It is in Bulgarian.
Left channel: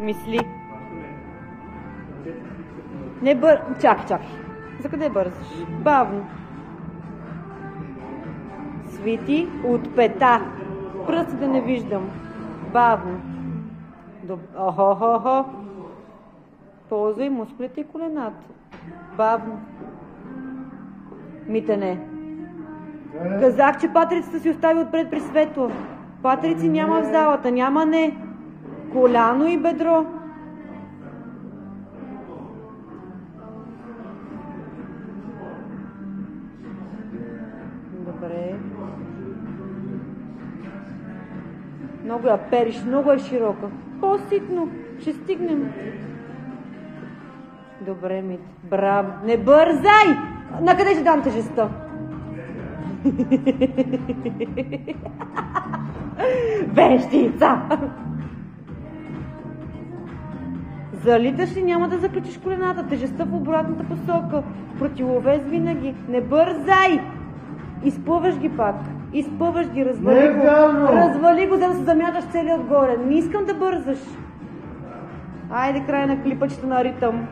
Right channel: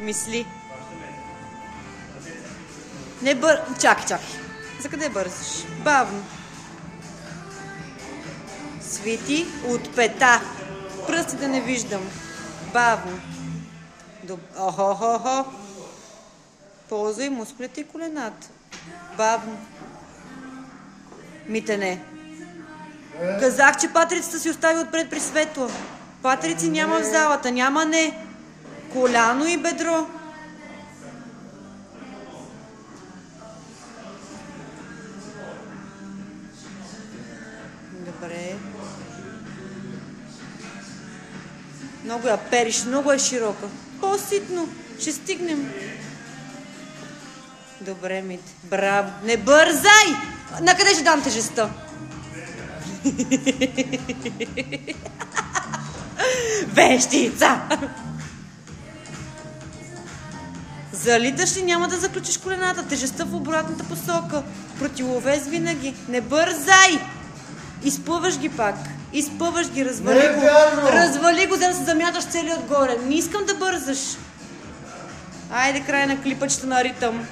Мисли. Не бър... Чакай. За къде бързаш? Бавно. Свити от пета. Пръсти да не виждам. Бавно. Охо. Ползвай мускулите и колената. Бавно. Митене. Казах, че патерицата си остави отпред при Светло. Патерици няма в залата. Няма не. Коляно и бедро. Добре. Много я периш, много е широка. По-ситно. Ще стигнем. Добре, Мит. Браво. Не бързай! Накъде ще дам тежестта? Вещица! Залиташ ли, няма да заключиш колената. Тежестта в обратната посока. Противовес винаги. Не бързай! Изпъваш ги пак. Изпъваш ги, развали го. Развали го, за да се замяташ целият отгоре. Не искам да бързаш. Айде, край на клипачето на ритъм.